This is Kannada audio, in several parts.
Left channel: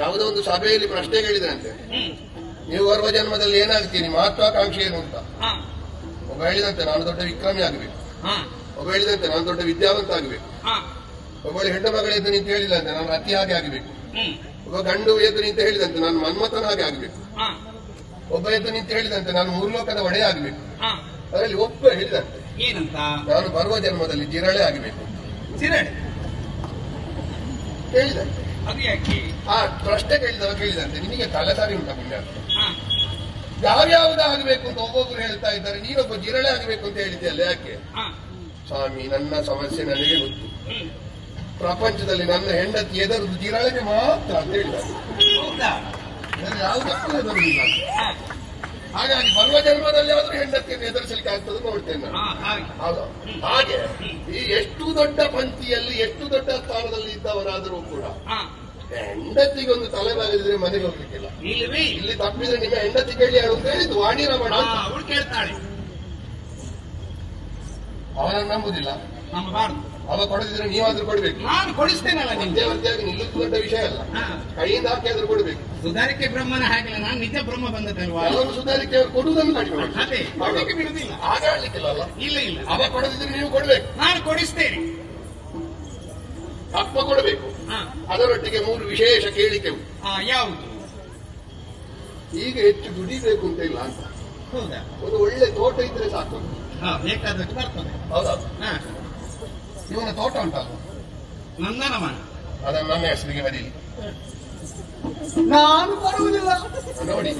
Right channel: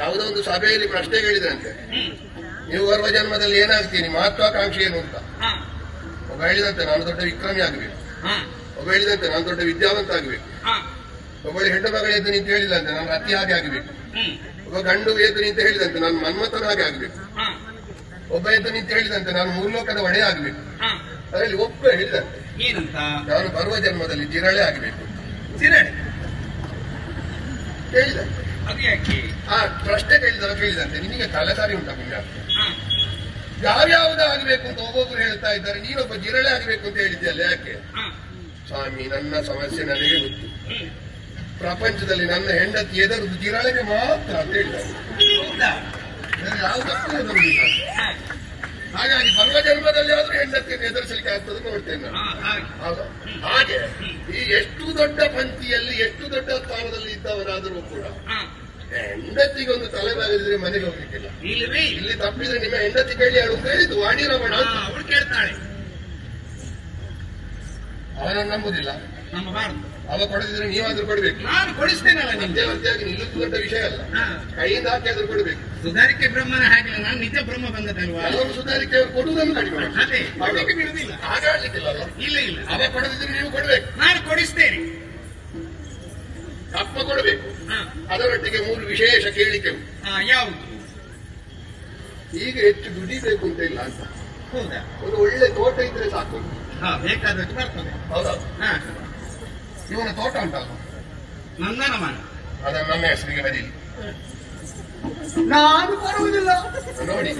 ಯಾವುದೋ ಒಂದು ಸಭೆಯಲ್ಲಿ ಪ್ರಶ್ನೆ ಕೇಳಿದಂತೆ, ನೀವು ಬರುವ ಜನ್ಮದಲ್ಲಿ ಏನಾಗ್ತೀರಿ, ಮಹತ್ವಾಕಾಂಕ್ಷೆ ಏನು ಅಂತ. ಒಬ್ಬ ಹೇಳಿದಂತೆ ನಾನು ದೊಡ್ಡ ವಿಕ್ರಮಿ ಆಗಬೇಕು, ಒಬ್ಬ ಹೇಳಿದಂತೆ ನಾನು ದೊಡ್ಡ ವಿದ್ಯಾವಂತ ಆಗಬೇಕು, ಒಬ್ಬಳು ಹೆಣ್ಣು ಮಗಳೆದ್ದು ನಿಂತು ಹೇಳಿದಂತೆ ನಾನು ಅತಿ ಹಾಗೆ ಆಗಬೇಕು, ಒಬ್ಬ ಗಂಡು ಎದ್ದು ನಿಂತು ಹೇಳಿದಂತೆ ನಾನು ಮನ್ಮಥನ ಹಾಗೆ ಆಗಬೇಕು, ಒಬ್ಬ ಎದ್ದು ನಿಂತು ಹೇಳಿದಂತೆ ನಾನು ಮೂರ್ಲೋಕದ ಒಡೆಯ ಆಗಬೇಕು. ಅದರಲ್ಲಿ ಒಬ್ಬ ಹೇಳಿದಂತೆ ಏನಂತ, ನಾನು ಬರುವ ಜನ್ಮದಲ್ಲಿ ಜಿರಳೆ ಆಗಬೇಕು. ಜಿರಳೆ ಕೇಳಿದಂತೆ. ಅದು ಯಾಕೆ? ಆ ಪ್ರಶ್ನೆ ಕೇಳಿದಂತೆ ನಿನಗೆ ತಲೆದಾರಿ ಉಂಟ ಪುಣ್ಯ, ಯಾವ್ಯಾವುದಾಗಬೇಕು ಅಂತ ಒಬ್ಬೊಬ್ರು ಹೇಳ್ತಾ ಇದ್ದಾರೆ, ನೀನೊಬ್ಬ ಜಿರಳೆ ಆಗಬೇಕು ಅಂತ ಹೇಳಿದ್ದೆಲ್ಲ ಯಾಕೆ? ಸ್ವಾಮಿ, ನನ್ನ ಸಮಸ್ಯೆ ನನಗೆ ಗೊತ್ತು, ಪ್ರಪಂಚದಲ್ಲಿ ನನ್ನ ಹೆಂಡತಿ ಎದರುದು ಜಿರಳೆಗೆ ಮಾತ್ರ ಅಂತ ಹೇಳಿದ್ದಾರೆ. ಯಾವುದಕ್ಕೂ ಎದುರುದಿಲ್ಲ. ಹಾಗಾಗಿ ಬರುವ ಜನ್ಮದಲ್ಲಿ ಆದ್ರೂ ಹೆಂಡತಿಯನ್ನು ಎದುರಿಸಲಿಕ್ಕೆ ಆಗ್ತದೆ ನೋಡ್ತೇನೆ ನಾನು. ಹಾಗೆ ಈ ಎಷ್ಟು ದೊಡ್ಡ ಪಂಕ್ತಿಯಲ್ಲಿ ಎಷ್ಟು ದೊಡ್ಡ ಸ್ಥಾನದಲ್ಲಿ ಇದ್ದವರಾದರೂ ಕೂಡ ಹೆಂಡತಿಗೆ ಒಂದು ತಲೆಬಾಗಿದ್ರೆ ಮನೆಗೆ ಹೋಗ್ಲಿಕ್ಕಿಲ್ಲ. ಇಲ್ಲಿ ತಪ್ಪಿದ್ರೆ ನಿಮ್ಮ ಹೆಂಡತಿ ಕೇಳಿ ಹೇಳು ಅಂತ ಹೇಳಿದ್ದು ವಾಣಿರಮಣ. ಅವಳು ಕೇಳ್ತಾಳೆ, ಅವನನ್ನು ನಂಬುದಿಲ್ಲ, ನಂಬಬಾರದು. ಅವ ಕೊಡದಿದ್ರೆ ನೀವಾದ್ರೂ ಕೊಡ್ಬೇಕು. ನಾನು ಕೊಡಿಸ್ತೇನಲ್ಲ, ಮಧ್ಯವರ್ತಿಯಾಗಿ ನಿಲ್ಲುವುದು ದೊಡ್ಡ ವಿಷಯ ಅಲ್ಲ, ಕೈಯಿಂದ ಹಾಕಿ ಆದ್ರೂ ಕೊಡ್ಬೇಕು. ಸುಧಾರಿಕೆ ಬ್ರಹ್ಮನ ಹಾಗಿಲ್ಲ, ನಾನು ನಿಜ ಬ್ರಹ್ಮ ಬಂದದಲ್ವಾ. ಕೆಲವರು ಸುಧಾರಿಕೆ ಅವರು ಕೊಡುವುದನ್ನು ಕಡಿಮೆ ಅದೇ ಕೊಡ್ಲಿಕ್ಕೆ ಬಿಡುದಿಲ್ಲ, ಹಾಗೆ ಆಡ್ಲಿಕ್ಕಿಲ್ಲ. ಇಲ್ಲ ಇಲ್ಲ, ಅವ ಕೊಡದಿದ್ರೆ ನೀವು ಕೊಡ್ಬೇಕು. ನಾನು ಕೊಡಿಸ್ತೇನೆ, ಅಪ್ಪ ಕೊಡಬೇಕು. ಅದರೊಟ್ಟಿಗೆ 3 ವಿಶೇಷ ಕೇಳಿಕೆ ಉಂಟು. ಯಾವುದು? ಈಗ ಹೆಚ್ಚು ದುಡಿಬೇಕು ಅಂತ ಇಲ್ಲ ಅಂತ. ಹೌದಾ? ಒಂದು ಒಳ್ಳೆ ತೋಟ ಇದ್ರೆ ಸಾಕು, ಬೇಕಾದಷ್ಟು ಬರ್ತದೆ. ಹೌದಾ? ಇವನ ತೋಟ ಉಂಟಲ್ಲ, ನಂದನವನ, ಅದನ್ನು ನನ್ನ ಹೆಸರಿಗೆ ಬರೀಲಿ. ನಾನು ಬರುವುದಿಲ್ಲ ನೋಡಿ,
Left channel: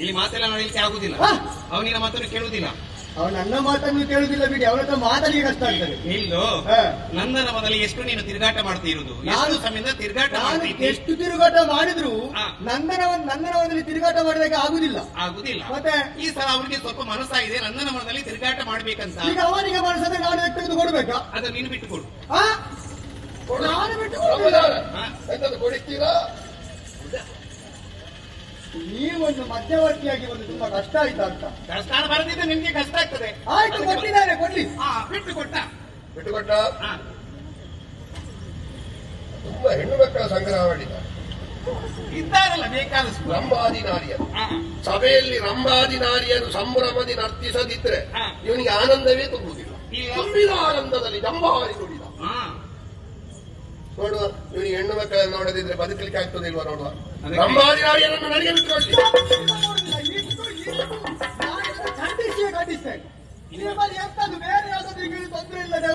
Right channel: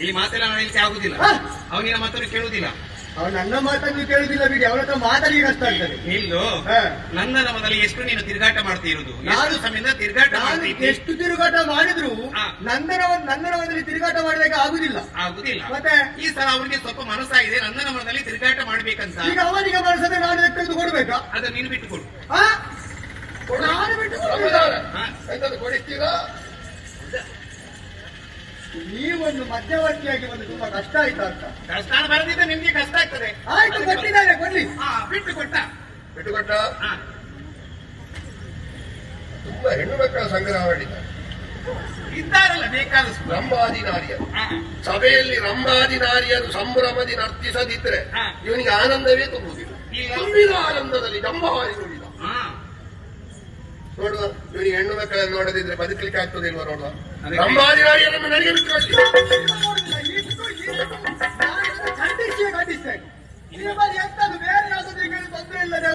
ಇಲ್ಲಿ ಮಾತೆಲ್ಲ ನಡೆಯಲಿಕ್ಕೆ ಆಗುದಿಲ್ಲ, ಅವನಿನ ಮಾತನ್ನು ಕೇಳುವುದಿಲ್ಲ. ಅವನು ನನ್ನ ಮಾತನ್ನು ಕೇಳುದಿಲ್ಲ ಬಿಡಿ, ಅವನ ಹತ್ರ ಮಾತಾಡಿ ಕಷ್ಟ ಆಗ್ತದೆ. ನಿಲ್ಲು, ನಂದನವನದಲ್ಲಿ ಎಷ್ಟು ನೀನು ತಿರುಗಾಟ ಮಾಡ್ತಿರುವುದು? ನಾನು ಸಮಯದಿಂದ ತಿರುಗಾಟ ಮಾಡ್ತೀನಿ. ಎಷ್ಟು ತಿರುಗಾಟ ಮಾಡಿದ್ರು ನಂದನವನದಲ್ಲಿ ತಿರುಗಾಟ ಮಾಡಿದಾಗ ಆಗುದಿಲ್ಲ. ಮತ್ತೆ ಈ ಸಲ ಅವರಿಗೆ ಸ್ವಲ್ಪ ಮನಸ್ಸಾಗಿದೆ, ನಂದನವನದಲ್ಲಿ ತಿರುಗಾಟ ಮಾಡ್ಬೇಕಂತ. ಈಗ ಅವನಿಗೆ ಮನಸ್ಸಾದ್ರೆ ನಾನು ಎತ್ತದ್ದು ಕೊಡ್ಬೇಕಾ? ಅದನ್ನು ನೀನು ಬಿಟ್ಟು ಕೊಡು. ನಾನು ಬಿಟ್ಟು ಎಂತದ್ದು ಕೊಡಿಸ್ತೀರಾ? ನೀವೊಂದು ಮಧ್ಯವರ್ತಿಯಾಗಿ ಒಂದು ತುಂಬಾ ಕಷ್ಟ ಆಯ್ತಾ ಅಂತ. ಕಷ್ಟ ಬರದಿದ್ದ ನಿಮ್ಗೆ ಕಷ್ಟ ಆಗ್ತದೆ. ಆಯ್ತು, ಕೊಟ್ಟಿದ್ದಾರೆ, ಕೊಡ್ಲಿ. ಬಿಟ್ಟು ಕೊಟ್ಟ. ತುಂಬಾ ಹೆಣ್ಣು ಮಕ್ಕಳ ಸಂಗ್ರಹ ಮಾಡಿದ್ದಾರೆ ಇದ್ದಾರಲ್ಲ ಬೇಕಾದಷ್ಟು. ರಂಭಾದಿ ನಾರಿಯರು ಸಭೆಯಲ್ಲಿ ರಂಭಾದಿ ನಾರಿಯರು ಸಂಭ್ರಮದಿ ನರ್ತಿಸದಿದ್ರೆ ಇವನಿಗೆ ಆನಂದವೇ ತುಂಬುವುದಿಲ್ಲ. ತುಂಬಿದ ಆನಂದದಲ್ಲಿ ಜಂಬಹಾರಿ ನೋಡಿದ. ನೋಡುವ, ಇವನಿಗೆ ಹೆಣ್ಣು ಮಕ್ಕಳನ್ನು ನೋಡದಿದ್ರೆ ಬದುಕಲಿಕ್ಕೆ ಆಗ್ತದಿಲ್ವಾ ನೋಡುವ. ರಂಭಾದಿ ನಾರಿಯರನ್ನು ನನಗೆ ಬಿಟ್ಟುಕೊಳ್ಳಿ. ಖಂಡಿಸ್ತೇನೆ. ಬೇರೆ ಯಾವ್ದಾದ್ರು ತೊಂದರೆ ಇಲ್ಲದೆ